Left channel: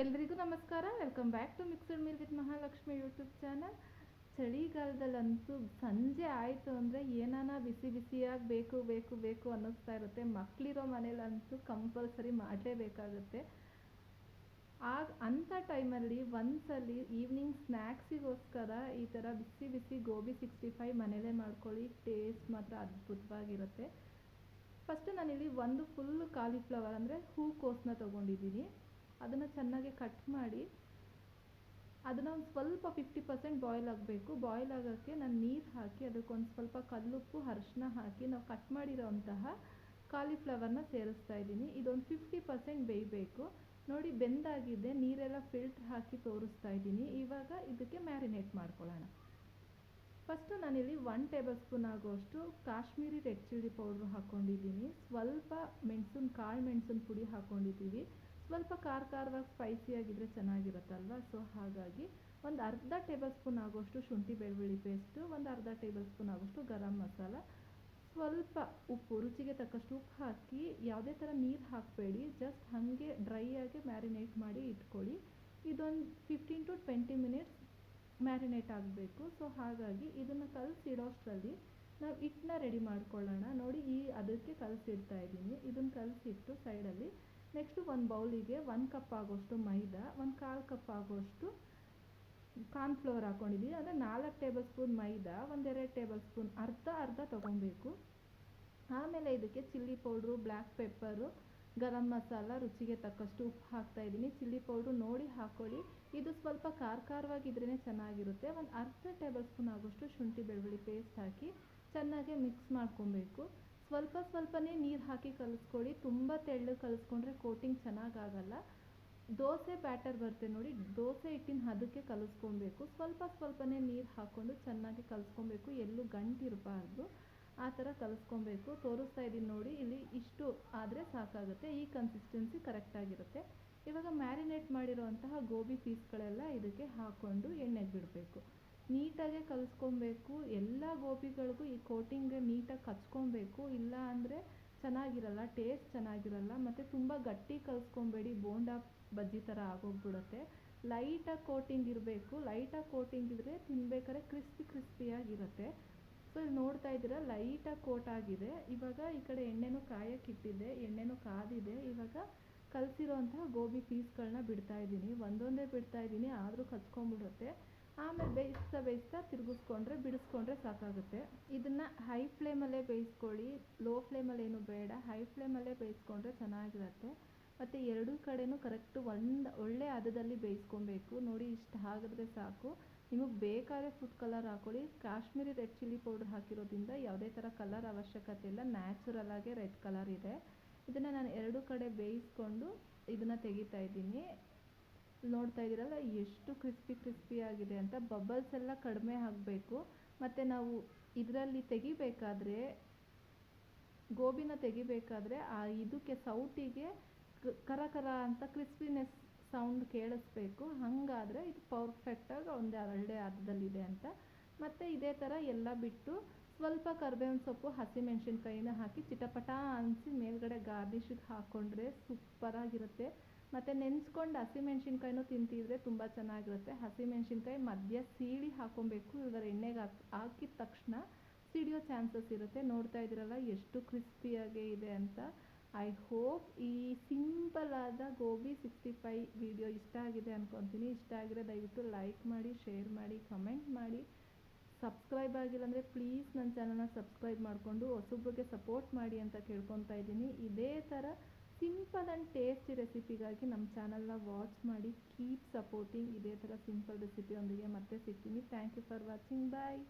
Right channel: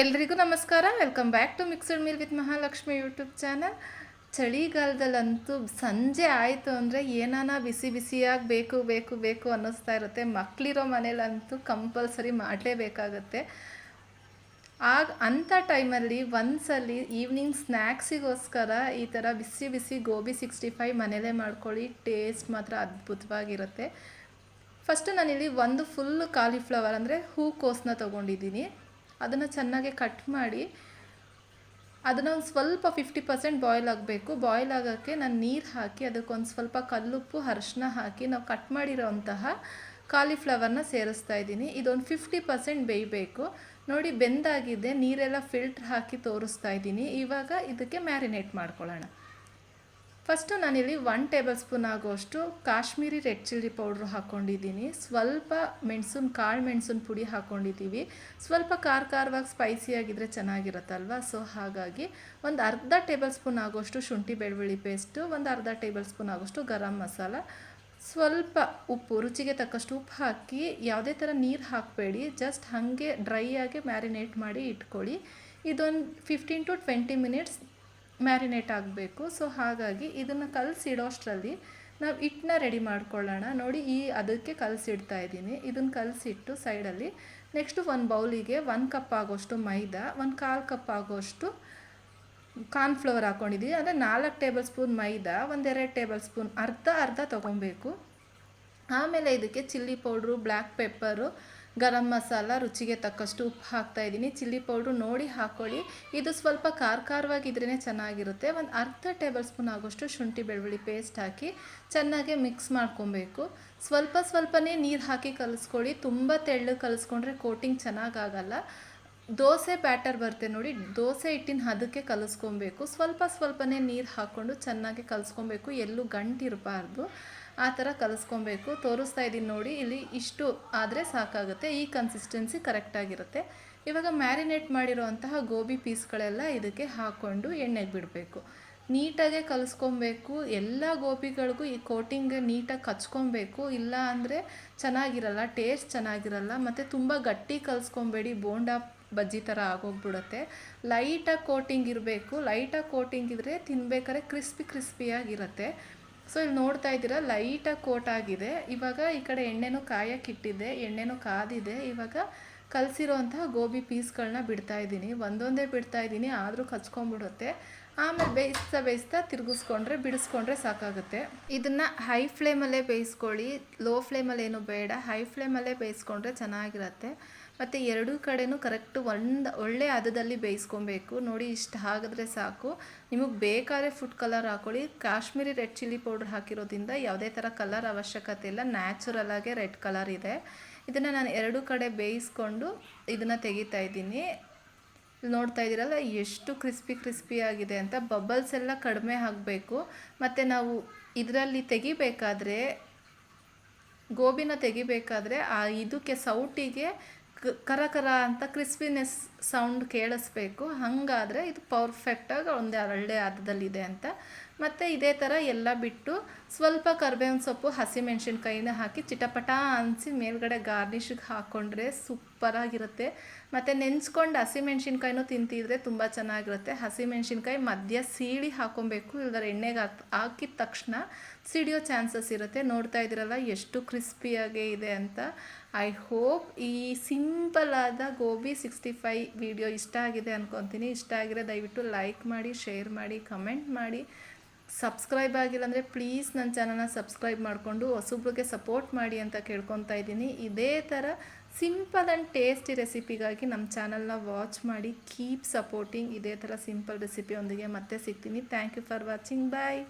ಎಲ್ರಿಗೂ ನಮಸ್ಕಾರ. Welcome back to mixed meal with Mahalakshmi YouTube channel. ಚಳಿಗಾಲದಲ್ಲಂತೂ ಸಂಜೆ ಆಯಿತು ಅಂದರೆ ಏನಾನ ಬಿಸಿ ಬಿಸಿಯಾಗಿ ಬೇಕು ಬೇಕು ಬೇಕು ಅನ್ನಿಸ್ತಾ ಇರುತ್ತೆ. ಮಕ್ಕಳಿರೋ ಮನೇಲಂತೂ ಕಂಪಲ್ಸರಿ ಮಾಡಲೇಬೇಕಾಗತ್ತೆ. ಅಂಥ ಟೈಮಲ್ಲಿ ಒಂದ್ಸಲಿ ಈವ್ನಿಂಗ್ ಸ್ನ್ಯಾಕ್ಸಿಗೋಸ್ಕರ ಈ ಥರ ಬಿಸಿ ಬಿಸಿ ಗೋಬಿ 65 ಮನೇಲೇ ಮಾಡ್ಕೊಳ್ಳಿ. ಟೇಸ್ಟ್ ಮಾತ್ರ ಅದ್ಭುತವಾಗಿರುತ್ತೆ. ಫಸ್ಟು ನಾನಿಲ್ಲಿ ಒಂದು ಫುಲ್ ಕಾಲಿಫ್ಲವರ್ ಅಂದರೆ ಹೂಕೋಸನ್ನ ತೊಗೊಂಡಿದ್ದೀನಿ. ಅದನ್ನು ಚೆನ್ನಾಗಿ ಕಟ್ ಮಾಡಿ ಅದನ್ನು ಒಂದು ಸ್ವಲ್ಪ 50% ಬಾಯ್ಲ್ ಆಗಬೇಕು. ಬಾಯ್ಲ್ ಆಗೋಕ್ಕೆ ನಾನು ನೀರು ಹಾಕಿ ಅದಕ್ಕೊಂದು ಸ್ವಲ್ಪ ಕಲ್ಲುಪ್ಪು ಅರಿಶಿನ ಹಾಕಿ ನಾವು ಕಟ್ ಮಾಡಿರೋಂತಹ ಕಾಲಿಫ್ಲವರ್ನ ಸೇರಿಸ್ತಾ ಇದ್ದೀನಿ. ಇದೊಂದು 50% ಬೇಯಬೇಕು. ನೋಡಿ ಬೆಂದಾಗಿದೆ, ನೀರೆಲ್ಲ ಫಿಲ್ಟ್ರ್ ಹಾಕಿ ತೋರಿಸ್ತಾ ಇದ್ದೀನಿ. ಇವಾಗ ಇದಕ್ಕೆ ಮ್ಯಾರಿನೇಟ್ ಮಾಡ್ಕೊಳ್ಳೋಣ. ಫಸ್ಟು ನಾನಿಲ್ಲಿ 1 ಟೇಬಲ್ ಸ್ಪೂನ್ ಆಗೋಷ್ಟು ಕಾಶ್ಮೀರಿ ರೆಡ್ ಚಿಲ್ಲಿ ಪೌಡ್ರು ಹಾಕ್ಕೊಂಡಿದ್ದೀನಿ. ಸ್ವಲ್ಪ ಕಾಳು ಮೆಣಸಿನ ಪುಡಿ ಹಾಕ್ಕೊಂಡಿದ್ದೀವಿ. ಸ್ವಲ್ಪ ಖಾರವಾಗಿ ಸ್ಪೈಸಿಯಾಗಿದ್ದರೆ ಚೆನ್ನಾಗಿರುತ್ತಲ್ವ. ಸೊ ಹಾಗಾಗಿ ಒಂದು ಅರ್ಧ ಟೇಬಲ್ ಸ್ಪೂನ್ ಆಗೋಷ್ಟು ಶುಂಠಿ ಬೆಳ್ಳುಳ್ಳಿ ಪೇಸ್ಟು, ಒಂದು ಅರ್ಧ ಟೇಬಲ್ ಸ್ಪೂನ್ ಆಗೋಷ್ಟು ಗರಂ ಮಸಾಲ, ಸ್ವಲ್ಪ ಉಪ್ಪು, ರುಚಿಗೆ ತಕ್ಕಷ್ಟು ಉಪ್ಪು ಹಾಕಿ ಯಾವುದೇ ಥರ ನೀರು ಹಾಕಬೇಡಿ, ಜಸ್ಟ್ ಹಾಗೆ ಡ್ರೈ ಆಗಿ ಮ್ಯಾರಿನೇಟ್ ಮಾಡಿ ಇಟ್ಕೊಳ್ಳಿ. ಇದೊಂದು 15 to 20 ಮಿನಿಟ್ಸ್ ಮ್ಯಾರಿನೇಟ್ ಆಗಬೇಕು. ಸೊ ಹಾಗಾಗಿ ಇದನ್ನು ಕಲಸಿಡೋಷ್ಟರಲ್ಲಿ ನಾವು ಹಿಟ್ಟನ್ನ ರೆಡಿ ಮಾಡ್ಕೊಳ್ಳೋಣ. ನೋಡಿ ಅದಕ್ಕೆ ಕಲಸಿಡ್ತಾ ಇದ್ದೀನಿ. ಇದನ್ನು ಕಲಸಿಟ್ಟು ಸೈಡಲ್ಲಿ ನೆಕ್ಸ್ಟು ಒಂದು ಬೌಲಿಗೆ 1 ಕಪ್ ಆಗೋಷ್ಟು ಮೈದಾ, 1/4 ಕಪ್ ಆಗೋಷ್ಟು ಕಾರ್ನ್ಫ್ಲವರ್ ಹಾಕ್ಕೊಂಡಿದ್ದೀವಿ. ಅಂದರೆ 4 ಟೇಬಲ್ ಸ್ಪೂನ್ ಮೈದಾ, 1-2 ಟೇಬಲ್ ಸ್ಪೂನ್ ಅರ್ಧ ತೊಗೊಬೇಕು. ಆಮೇಲೆ ಇದಕ್ಕೆ chilli powder, black pepper, garam masala, ರುಚಿಗೆ ತಕ್ಕಷ್ಟು ಉಪ್ಪು ಹಾಕ್ತಾಯಿದ್ದೀನಿ. ಚಿಲ್ಲಿ ಪೌಡ್ರು ನೋಡಿ ಹಾಕ್ಕೊಳ್ಳಿ. ಇದು ಸ್ವಲ್ಪ ಖಾರವಾಗಿದ್ರೇ ಚೆನ್ನಾಗಿರುತ್ತೆ. ಒಂದು ಅರ್ಧ ಟೇಬಲ್ ಸ್ಪೂನ್ ಆಗೋಷ್ಟು ಶುಂಠಿ ಬೆಳ್ಳುಳ್ಳಿ ಪೇಸ್ಟ್ ಹಾಕಿ ಚೆನ್ನಾಗಿ ಮಿಕ್ಸ್ ಮಾಡ್ಕೊಬೇಕು. ಸ್ವಲ್ಪನೇ ನೀರು ಹಾಕಿ ಕಲಿಸ್ಕೊಳ್ಳಿ. ತುಂಬ ತೆಳ್ಳಗೆ ಕಲಿಸ್ಕೊಂಡ್ರೆ ಕೋಟಿಂಗ್ ಚೆನ್ನಾಗಾಗಲ್ಲ. ದೋಸೆ ಬ್ಯಾಟರ್ ಬರುತ್ತೆ ನೋಡಿ, ದೋಸೆ ಹಿಟ್ಟಿನ ಅದಕ್ಕೆ ಕಲಿಸ್ಕೊಬೇಕು. ಸ್ವಲ್ಪನೇ ನೀರು ಹಾಕ್ಕೊಂಡು ಚೆನ್ನಾಗಿ ಕಲಿಸ್ಕೊಬೇಕು. ಎಲ್ಲೂ ಗಂಟಿರಬಾರ್ದು, ಆ ಥರ ಕಲಿಸ್ಕೊಬೇಕು. ತೋರಿಸ್ತಾ ಇದ್ದೀನಿ ನೋಡಿ, ಇಲ್ಲಿ ಇಷ್ಟು ಆದರೆ ಸಾಕಾಗುತ್ತೆ. ಈ ಕನ್ಸಿಸ್ಟೆನ್ಸಿ ಕರೆಕ್ಟಾಗಿರುತ್ತೆ. ಇವಾಗ ಮ್ಯಾರಿನೇಟ್ ಮಾಡಿರೋವಂತಹ ಗೋಬಿ ಪೀಸ್ಗಳೆಲ್ಲ ಇದಕ್ಕೆ ಹಾಕ್ಕೊಂಡು ಎಣ್ಣೆಗೆ ಬಿಡಬೇಕು. ನೀಟಾಗೆ ಕಲಿಸ್ಕೊಬೇಕು. ಎಲ್ಲ ಗೋಬಿಗಳಿಗೂ ಈ ಕೋಟಿಂಗ್ ನೀಟಾಗಿ ಕಚ್ಕೊಬೇಕು, ಇಲ್ಲ ಅಂದರೆ ಚೆನ್ನಾಗಿರಲ್ಲ, ಟೇಸ್ಟ್ ಚೆನ್ನಾಗಿರಲ್ಲ. ಮತ್ತು ತುಂಬ ಗಟ್ಟಿ ಕಲಿಸ್ಕೊಬೇಡಿ, ಬೋಂಡಾ ಬಜ್ಜಿ ಥರ ಆಗೋಗ್ಬಿಡುತ್ತೆ. ಲೈಟಾಗಿ ಕೋಟಿಂಗ್ ಇರಬೇಕು. ಲೈಟಾಗಿ ಕೋಟಿಂಗ್ ಇದ್ದರೆ ತಿನ್ಬೇಕಾದ್ರೆ ಕ್ರಿಸ್ಪಿಯಾಗಿರುತ್ತೆ. ಸೊ ಇಲ್ಲಿ ನೋಡ್ತಾ ಇದ್ದೀರಾ ಲೈಟಾಗಿ ಕೋಟ್ ಆಗಿದೆ. ಇವಾಗ ಈ ಕಡೆ ಎಣ್ಣೆನೂ ಕಾಯಕ್ಕಿಟ್ಟಿದ್ದೆ, ಎಣ್ಣೆನೂ ಕಾದಿದೆ. ಇವಾಗ ಕಲಸಿರೋಂತಹ ಗೋಬಿ ಪೀಸ್ಗಳನ್ನ ಬಿಡ್ತಾಯಿದ್ದೀನಿ. ಒಂದೊಂದೇ ಬಿಡ್ತಾಯಿದ್ದೀನಿ, ಆದರೂ ಕಚ್ಕೊಂಡ್ಬಿಡುತ್ತೆ. ಆಮೇಲೆ ಬೇಯಿಸ್ತಾ ಬಿಡಿಸ್ಕೊಂಡ್ರೆ ಸಾಕಾಗುತ್ತೆ. ಇದನ್ನು ಹೈ ಫ್ಲೇಮಲ್ಲೇ ಬೇಯಿಸ್ಕೊಳ್ಳಿ, ಲೋ ಫ್ಲೇಮಲ್ಲಿ ಏನು ಬೇಡ, ಹೈ ಫ್ಲೇಮಲ್ಲೇ ಬೇಯಿಸ್ಕೊಂಡ್ರೆ ಚೆನ್ನಾಗಿರುತ್ತೆ. ಮತ್ತು ಎರಡೂ ಕಡೆನೂ ಕರೆಕ್ಟು ಒಳ್ಳೆ ಹದದಲ್ಲಿ ಬೇಯಿಸ್ಕೊಬೇಕು. ನೋಡಿ ಇಷ್ಟು ಆಗಿದ್ರೆ ಸಾಕು. ನಿಮಗೆ ಬೇಕಾದ್ರೆ ಫುಡ್ ಕಲರ್ ಹಾಕ್ಕೊಳ್ಳಿ. ಕಾಶ್ಮೀರಿ ರೆಡ್ ಚಿಲ್ಲಿ ಪೌಡ್ರ್ ಹಾಕಿರೋದ್ರಿಂದ ಯಾವುದೇ ಥರ ಕಲರ್ ಅವಶ್ಯಕತೆ ಇಲ್ಲ, ನ್ಯಾಚುರಲಾಗೆ ರೆಡ್ ಕಲರ್ ಇದೆ. ಇದನ್ನು ನಾನು ಎರಡೂ ಕಡೆ ಬೇಯಿಸ್ಕೊಂಡು ಇದನ್ನು ತೆಗಿತಾ ಇದ್ದೀನಿ. ನೋಡ್ತಾ ಇದ್ದೀರಲ್ಲ ಎಷ್ಟು ಕ್ರಿಸ್ಪಿಯಾಗಿದೆ ಅಂತ. ಬಬಲ್ಸ್ ಎಲ್ಲ ಕಡಿಮೆ ಆಗಬೇಕು. ಮತ್ತು ನಾವು ಇದರಲ್ಲಿ ಗೋಬಿನ ತೆಗಿಬೇಕಾದ್ರೆ ಇದಕ್ಕೆ ಸೌಟಿಗೆ ಕರ ಅಂತ ಕ್ರಿಸ್ಪಿನೆಸ್ ಸೌಂಡ್ ಕೇಳಿಸ್ಬೇಕು. ಹಾಗಾದರೆ ಇದು ಪರ್ಫೆಕ್ಟಾಗಿ ಒಳ್ಳೆ ಹದದಲ್ಲಿದೆ ಅಂತ. ಮತ್ತು ಇದೇ ಥರ ಎಲ್ಲ ಬಿಟ್ಟು ಸ್ವಲ್ಪ ಕರಿಬೇವಿನ ಸೊಪ್ಪು, ಹಸಿಮೆಣ್ಸಿನ್ಕಾಯಿನ ಹಾಕಿ ಚಿಟಪಟ ಅನಿಸಿ ಮೇಲ್ಗಡೆ ಗಾರ್ನಿಷಿಗೆ ಹಾಕ್ಕೊಂಡ್ರೆ ಸೂಪರಾಗಿರುತ್ತೆ. ಮತ್ತು ನೆನೆಸ್ಕೊಂಡು ಹಸಿಮೆಣ್ಸಿನ್ಕಾಯಿನೂ ತಿಂತಿದ್ರೆ ತುಂಬ ಚೆನ್ನಾಗಿರುತ್ತೆ. ಹಸಿಮೆಣ್ಸಿನ್ಕಾಯಿ ಮಧ್ಯ ಸೀಳಿ ಹಾಕ್ಕೊಬೇಕು, ಇಲ್ಲದ್ರೆ ಎಣ್ಣೆಗೆ ಹಾಕಿದ ತಕ್ಷಣ ಸಿಡಿಯೋ ಚಾನ್ಸಸ್ ಇರುತ್ತೆ. ನೋಡ್ತಾ ಇದ್ದೀರಲ್ಲ ಎಷ್ಟು ಕ್ರಿಸ್ಪಿಯಾಗೇ ಇದೆ ಅಂತ. ಐ ಹೋಪ್ ಈ ಸಿಂಪಲ್ ಆದ ಗೋಬಿ 65 ವಿಡಿಯೋ ಇಷ್ಟ ಆಗಿದೆ ಅಂದ್ಕೊತೀನಿ. ಇಷ್ಟ ಆಗಿರೋ ದಯವಿಟ್ಟು ಲೈಕ್ ಮಾಡಿ, ಶೇರ್ ಮಾಡಿ, ಕಮೆಂಟ್ ಮಾಡಿ. ಸಬ್ಸ್ಕ್ರೈಬ್ ಆಗಿಲ್ಲ ಅಂದರೆ ಪ್ಲೀಸ್ ನನ್ನ ಚಾನಲ್ನ ಸಬ್ಸ್ಕ್ರೈಬ್ ಮಾಡಿಕೊಂಡು ಹೊಸಬ್ರಿಗೆ ಸಪೋರ್ಟ್ ಮಾಡಿ ಅಂತ ಕೇಳ್ಕೊತಾ ಇದ್ದೀನಿ. ಇದೇ ಥರ ಸಿಂಪಲ್ ಆ್ಯಂಡ್ ಟೇಸ್ಟಿ ರೆಸಿಪಿಗಾಗಿ ನಮ್ಮ ಚಾನಲ್ನ ವಾಚ್ ಮಾಡಿ. Keep supporting. ಇದೇ ಥರ ಸಿಂಪಲ್ ರೆಸಿಪಿಯೊಂದಿಗೆ ಮತ್ತೆ ಸಿಗ್ತೀನಿ. Thank you for watching. Bye.